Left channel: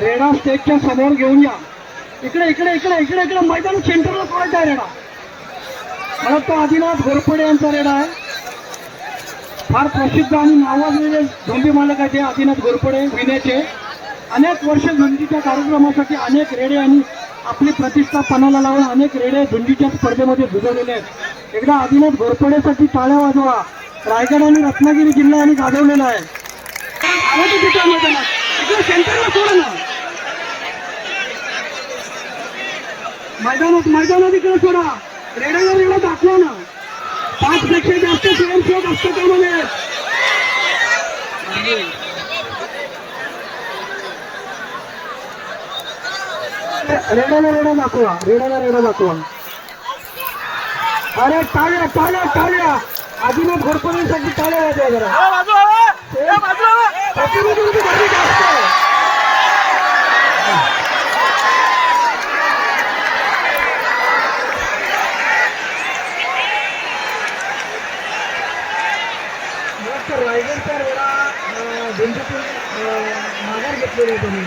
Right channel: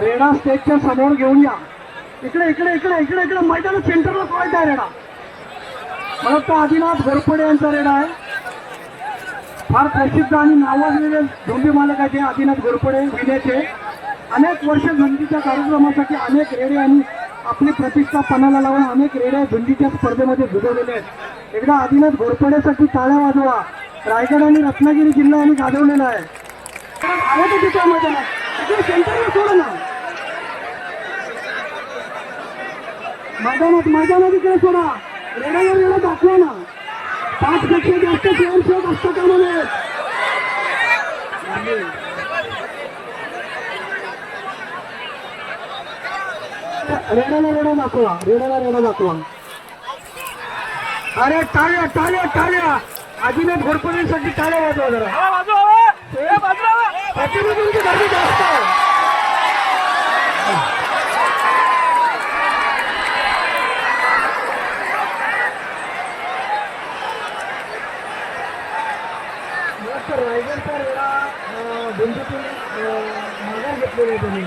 रेडा स्टेजच्या समोर घेऊन या. इकडे इकडे इकडे इकडे इकडे मैदान सेंटरला सोडायचा आहे रेडा मला वाटतं आदिनाथ घोरपडे यांचा रेडा आहे. फार प्रसिद्ध आणि नावाजलेले झोंबी मालक आहेत आदिनाथ घोरपडे विनेचे. अनेक वर्ष झुंजीच्या कार्यक्रमासाठी अनेक रेडे आणि आपली प्रतिष्ठा पणाला लावून अनेक रेडे झुंजीच्या स्पर्धेमध्ये झुजवलेले आहेत. एकदा आदिनाथ घोरपडेसाठी टाळ्या वाजवा. रायगड आणि रत्नागिरी जिल्हा आणि गाजवलेला आहे. सेंटरला सोडा ना. मैदानात मैदानात इकडे सोडा. रेड्याला रेडा दाखवा ना. पाच पेक्षा जास्त स्वयंसेवक असतात त्यामध्ये. रेड्याला रेडा दाखवा. रेड्याला रेडा दाखवा. अरे टाळ्या टाळ्या टाळ्या. आदिनाथ घोरपणीसाठी टाळ्या वाजवा जरा प्रतिनिधींची गर्दी जास्त आहे. मला वाटतं रायगडचा रेडा अं, माघार घेतलेली आहे त्यांनी